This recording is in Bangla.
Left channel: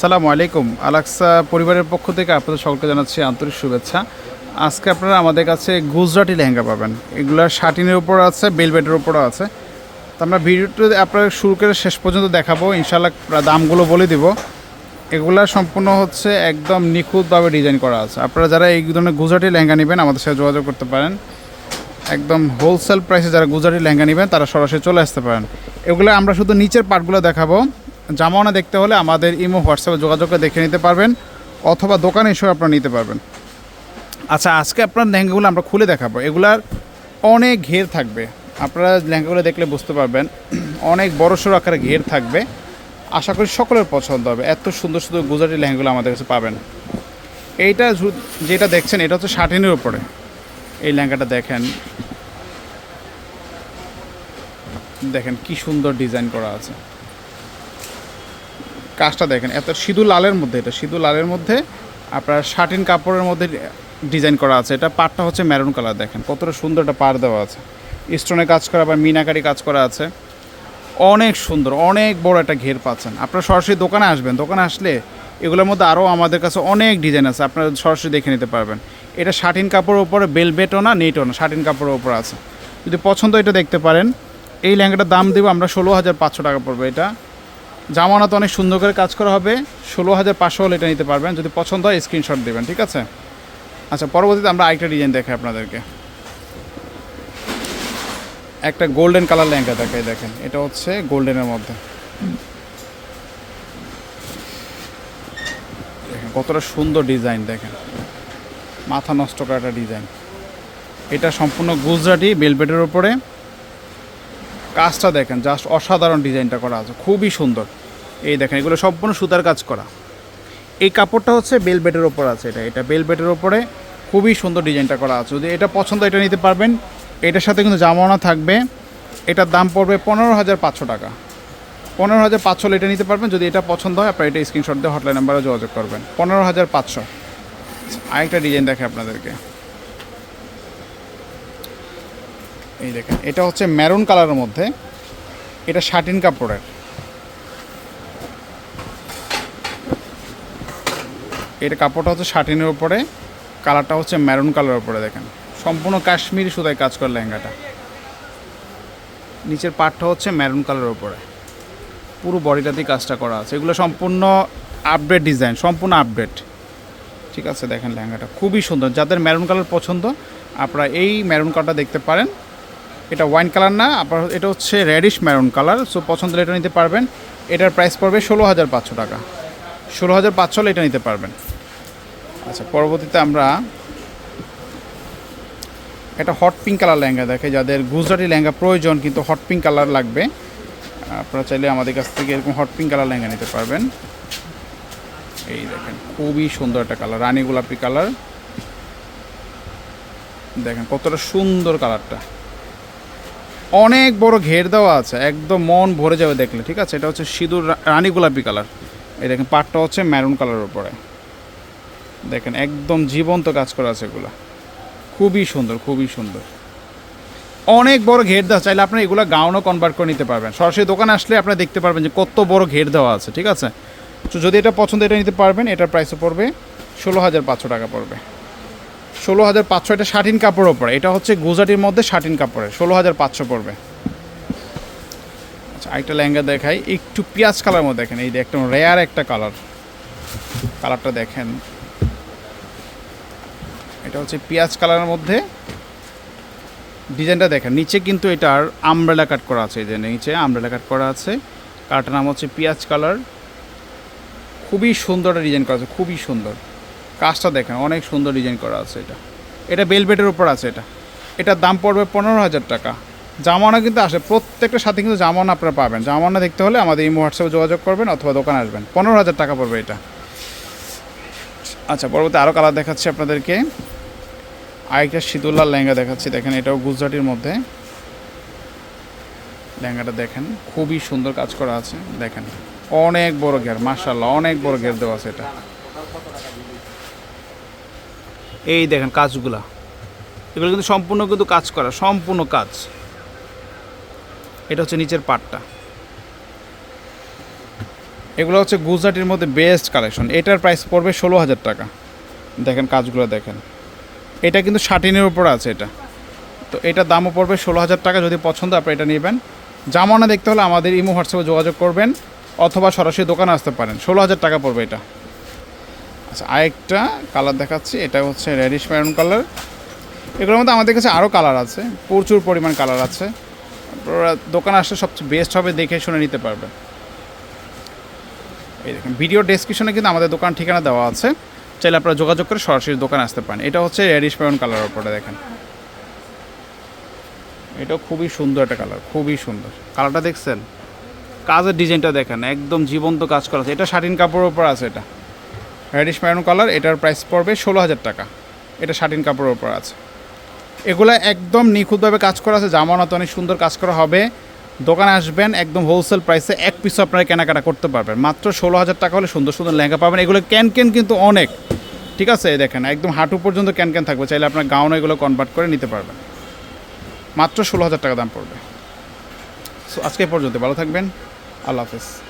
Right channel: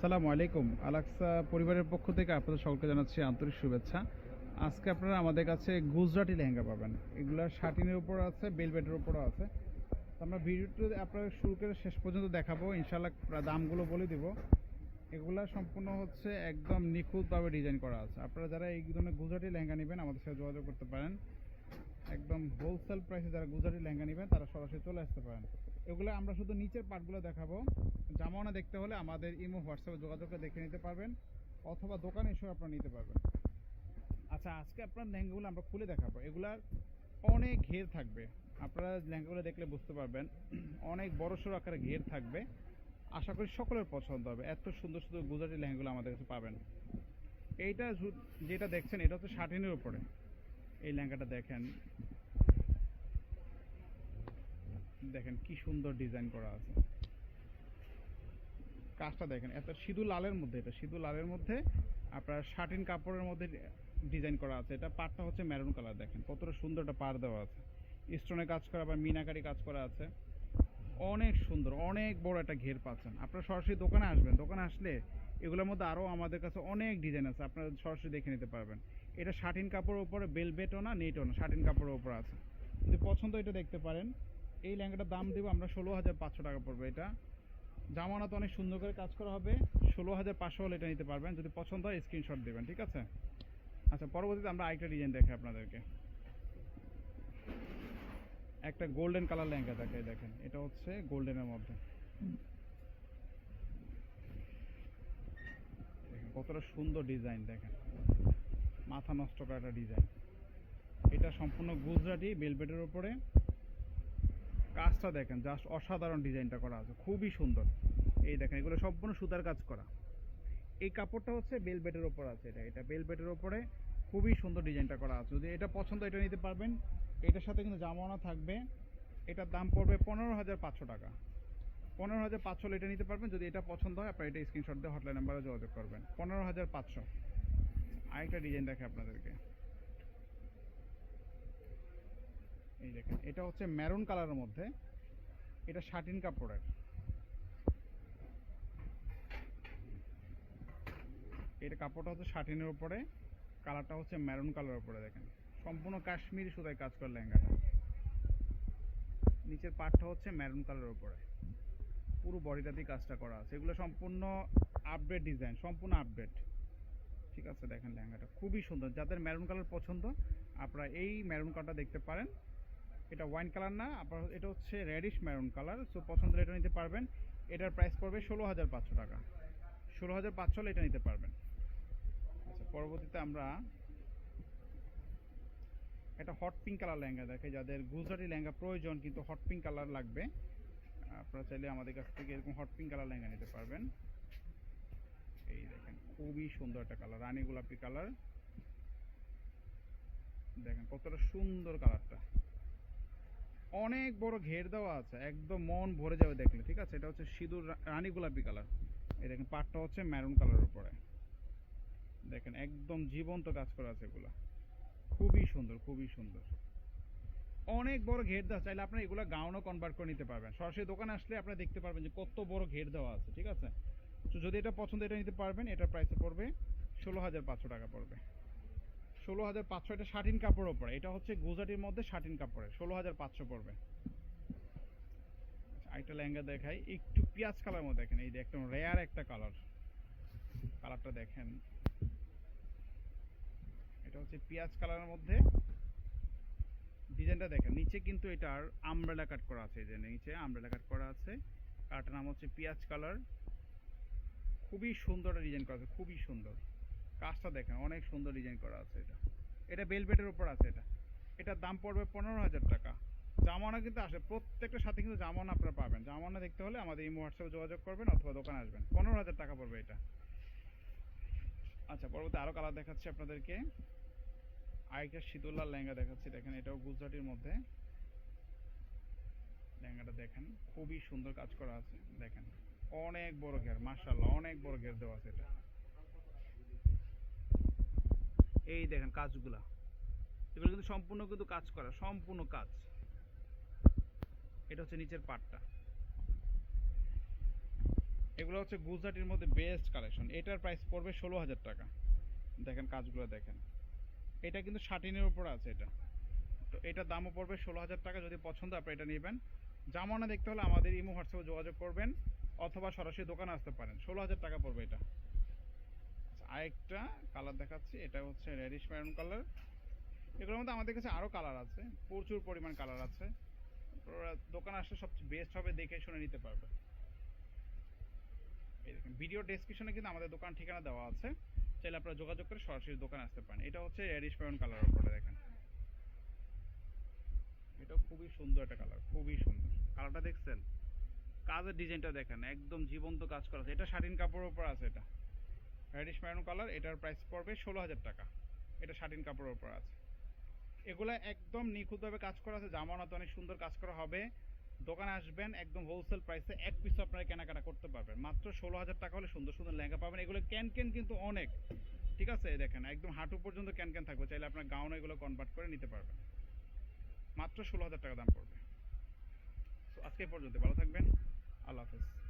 সালামু আলাইকুম। আলাক্সা পরিবারের পক্ষ থেকে আপনাদের সকলকে জানাচ্ছি আন্তরিক শুভেচ্ছা। আজকে আপনারা আমাদের কাছে গুজরাটি লেহেঙ্গা পাবেন। এগুলার শার্টিনের উপর আছে, বেলবেটের উপরও আছে। তো আমরা ভিডিওটা আপনারা শুরু করে শেষ পর্যন্ত দেখাবো। ইনশাল্লাহ দামগুলো বলে দিব। এগুলা সম্পূর্ণ হচ্ছে একদম নিখুঁতভাবে ডিজাইন করা আছে। আপনারা যারা এই ধরনের গুজরাটি লেহেঙ্গা নেবেন, আমাদের সাথে যোগাযোগ করতে পারেন। একদম হোলসেল প্রাইসে যারা গুজরাটি লেহেঙ্গা নেবেন, তারা সরাসরি চলে আসতে পারেন। এগুলো আমরা শুধু নিচের পার্টগুলো দেখাবো। জামানা দেখতে হলে আমাদের ইমো, হোয়াটসঅ্যাপে যোগাযোগ করে দেখে নিতে পারবেন, অথবা দোকানে এসেও আপনারা নিতে পারবেন। আচ্ছা আজকে আপনার লেহেঙ্গাগুলো আমরা খুলে দেখাবো। এগুলার অনেক ঘের থাকবে। আপনারা লেহেঙ্গাগুলো দেখলে বুঝতে পারবেন, অনেক বড় সড়ো আকারে ঘের থাকবে। আশা করি সকলের পছন্দ হবে। এত সুন্দর সুন্দর গুজরাটি লেহেঙ্গাগুলো আমাদের কাছে পাবেন। এইটা যেটা দেখছেন, এটা হচ্ছে শার্টিনের উপরে। এই লেহেঙ্গাটা দেখেন। দেখেন কি সুন্দর ডিজাইন করা আছে। কাজটা দেখেন, এত সিধু লালের মধ্যে, এটা সিধু লালের মধ্যে আপনার শার্টিন কাপড়ের মধ্যে ডিজাইন করা আছে। এটা পাড়টা হচ্ছে ম্যারুন কালার দেখেন। কতটা সুন্দর একটা পাড় দেওয়া আছে। স্টোনে কাজ করা বা মিনাকারি কাজ করা আছে। অনেক সুন্দর, অনেক বড় একটা ঘের পাচ্ছেন। আপনারা সরাসরি দোকানে আসবেন। দোকানে আসলে এগুলোর মধ্যে আরও আমাদের কাছে অনেক ডিজাইন আছে। আপনারা সরাসরি দেখে নিতে পারবেন। এটা শার্টিন কাপড়ের উপরে বেলবেটও না নেটও না, শার্টিন কাপড়ের উপর আছে। যদি পছন্দ এটা দেখতে পারেন। এই লেহেঙ্গাটার দাম দেবো আমরা ষোলো হাজার পাঁচশো টাকা পড়বে এটা। জামানাতে অনেক সুন্দর করে কাজ করা হবে। ষোলো হাজার পাঁচশো হলে এটা নিতে পারবেন। যদি পছন্দ হয় স্ক্রিনশট দেবেন, ঠিক আছে? আচ্ছা পরবর্তীতে আমরা আরেকটা ডিজাইন দেখাই আপনাদেরকে। একটা গোল্ডেন কালার লেহেঙ্গা দেখাই, দেখেন। এটা হচ্ছে গোল্ডেনের মধ্যে। দেখেন, কতটা সুন্দর ডিজাইন দেখেন। মাথা নষ্ট করা একটা ডিজাইন এটা সম্পূর্ণ গুজরাটি বেলবেটের উপরে। কাজটা দেখেন জাস্ট অসাধারণ ডিজাইনটা করা আছে, খুবই সুন্দর। এই দেখেন, এগুলো সম্পূর্ণ সুতার কাজ করা। এই কাপড়টা হচ্ছে বেলবেটের ওপর আছে এটা। এটা বেলবেটের ওপরে খুবই সুন্দর ডিজাইনটা করা আছে। যদি এটা পছন্দ, এটা নিতে পারবেন। এটার সাথে কিন্তু জামানা থাকবে। এটার দাম পড়বে পনেরো হাজার পাঁচশো টাকা। পনেরো হাজার পাঁচশো এটা নিতে পারবেন। যদি এটা পছন্দ হয়, আপনারা এটা স্ক্রিনশট দিয়ে হটলাইন নাম্বারে যোগাযোগ করবেন। পনেরো হাজার পাঁচশো। আরেকটা ডিজাইন দেখে আপনাদেরকে। এই দেখেন, এটা হচ্ছে ম্যারুন কালারের মধ্যে, এটা শার্টিন কাপড়ের। এটা কাপড়টা হচ্ছে শার্টিনের উপরে কালারটা হচ্ছে ম্যারুন কালারের উপরে, দেখেন। সম্পূর্ণ কাশ্মীরি সুতায় কাজ করে লেহেঙ্গাটা। নিচের পাটটা হচ্ছে ম্যারুন কালারের উপরে। পুরো বডিটাতেই কাজটা করা আছে। এগুলো সম্পূর্ণ আপডেট ডিজাইন সম্পূর্ণ আপডেট ঠিক আছে, দেখেন লেহেঙ্গাটা। খুবই সুন্দর। যাদের ম্যারুন কালার পছন্দ, আপনারা এই ম্যারুন কালারটা দেখতে পারেন। এটা ওয়াইন কালার না আপনার এটা হচ্ছে রেডিশ ম্যারুন কালার সো পছন্দ হলে এটা নিতে পারবেন। এটার প্রাইস পড়বে ষোলো হাজার পাঁচশো টাকা। ষোলো হাজার পাঁচশো এটা নিতে পারবেন। আচ্ছা পরবর্তীতে আমরা একটা হট পিঙ্ক কালার লেহেঙ্গা দেখে যাদের গুজরাটি লেহেঙ্গা প্রয়োজন, কিন্তু হট পিঙ্ক কালার লাগবে। আপনারা চাইলে আমাদের কাছ থেকে এরকম হট পিঙ্ক কালার লেহেঙ্গা নিতে পারবেন। এই দেখেন, খুবই সুন্দর একটা কালার রানী গোলাপি কালার দেখেন কতটা সুন্দর কালারটা অনেক বড় ঘের দেওয়া আছে, একদম মন ভরে যাবে দেখলে, ঠিক আছে? এটা হচ্ছে সিঁদুর রানী গোলাপি কালার। এই দেখেন, পাটটা হচ্ছে ম্যারুন কালারের উপরে। দেখেন, একদম জীবন্ত কাজ করা আছে এগুলো। খুবই সুন্দর খুবই সুন্দর। অনেক বড় ঘের দেওয়া, চাইলে আপনি এগুলো গাউনও কনভার্ট করে নিতে পারবেন। সরাসরি দোকানে আসলে আপনারা দেখতে পারবেন যে কত বড় ঘের দেওয়া আছে, ঠিক আছে? তো যদি এটা পছন্দ, এটা নিতে পারবেন, এটার প্রাইসও পড়বে, ষোলো হাজার পাঁচশো টাকা পড়বে। ষোলো হাজার পাঁচশো, এটা শাটিন কাপড়ের ওপরে এটা হচ্ছে গুজরাটির মধ্যে শাটিন কাপড়ের ষোলো হাজার পাঁচশো পড়বে। আচ্ছা আরেকটা লেহেঙ্গা দেখাই। একটু পেঁয়াজ কালার মধ্যে দেখেন, এই একদম রেয়ার একটা কালার। কালারটা দেখেন। এটা হচ্ছে পেঁয়াজ কালারের মধ্যে। ডিজাইনটা দেখেন, নিচে কিন্তু এটার আমব্রেলা কাট করা আছে, এই যে নিচে আমব্রেলা কাট করা আছে। কালারটার নাম হচ্ছে পেঁয়াজ কালার। খুবই সুন্দর ডিজাইন করা আছে, খুবই সুন্দর। কাজটা দেখেন, অনেক সুন্দর ডিজাইন করা আছে এটা। এটা বেলবেটের উপর আছে এটা। এটার দাম পড়বে পনেরো হাজার টাকা। জামানা কিন্তু আসে, প্রত্যেকটা সাথে কিন্তু জামানা আপনারা পাবেন। জামানা দেখতে হলে আমাদের এই হোয়াটসঅ্যাপে যোগাযোগ করবেন অথবা দোকানে আসবেন। পনেরো হাজার টাকা পড়বে এটা। আচ্ছা পরবর্তী আরও কালার দেখাচ্ছি আপনাদেরকে। আরেকটা শীতুল্লার লেহেঙ্গা দেখাচ্ছি। দেখেন, এটাও গুজরাটির মধ্যে। লেহেঙ্গাটা দেখেন, খুবই সুন্দর কাজ করা আছে। দেখেন, অনেক বড় ঘের মার্শাল্লাহ অনেক বড় ঘের দেওয়া আছে এটা। এই দেখেন কাজগুলা। এগুলো কিন্তু সম্পূর্ণ কিন্তু কাজ করা, সম্পূর্ণ কাজ। এটা হচ্ছে নিচের পাটটা। এগুলো হচ্ছে গুজরাটির মধ্যে বেস্ট কালেকশন এটার প্রাইস পড়বে ষোলো হাজার টাকা। দেখেন কাজগুলো দেখেন। এটা কিন্তু শার্টিনের উপর আছে এটা। তো এটার দামও পড়বে ষোলো হাজার টাকা। যদি পছন্দ আপনি এটা নেবেন। জামানা দেখতে হলে আমাদের ইমো হোয়াটসঅ্যাপে যোগাযোগ করবেন। অথবা সরাসরি দোকানে আসতে পারেন। ষোলো হাজার টাকা পড়বে এটা। আচ্ছা আরেকটা কালার দেখাচ্ছি, এটা হচ্ছে রেডিশ ম্যারুন কালার এগুলোর মধ্যে আমাদের কাছে আরও কালার আছে, প্রচুর পরিমাণ কালার আছে। আপনারা দোকানে আসলে সবচেয়ে বেস্ট হবে দেখে শুনে নিতে পারবেন। এই দেখেন ভিডিও ডেসক্রিপশনে কিন্তু আমাদের দোকান ঠিকানা দেওয়া আছে। চাইলে আপনারা যোগাযোগ করে সরাসরি দোকানে আসতে পারেন। এটা হচ্ছে রেডিশ ম্যারুন কালারের ওপরে দেখেন। এটাও খুবই সুন্দর একটা কালার খুবই সুন্দর। কালারটা দেখছেন? কাজের ডিজাইনটা দেখেন, একদম জীবন্ত কাজ করা আছে। এটা শাটিন কাপড়ের উপর আছে এটা। রেডিশ ম্যারুন কালার এটার প্রাইস পড়বে ষোলো হাজার টাকা। এটা শাটিন কাপড়ের ওপর আছে। এগুলো একদম নিখুঁতভাবে কাজ করা আছে। জামানত অনেক সুন্দর কাজ করা হবে। দোকানে আসবেন, একদম হোলসেল প্রাইসে এক পিস আপনারা কেনাকাটা করতে পারবেন। মাত্র ষোলো হাজার টাকা হলে সুন্দর সুন্দর লেহেঙ্গা পাবেন। এগুলো ক্যান ক্যান কিন্তু অনেক। ঠিক আছে দেখেন, একদম হাঁটু পর্যন্ত ক্যান ক্যান থাকবে। চাইলে আপনার গাউন এগুলো কনভার্ট করে নিতে পারবেন। মাত্র ষোলো হাজার টাকা দাম পড়বে। সো আজকে পর্যন্ত ভালো থাকবেন। আল্লাহ হাফেজ।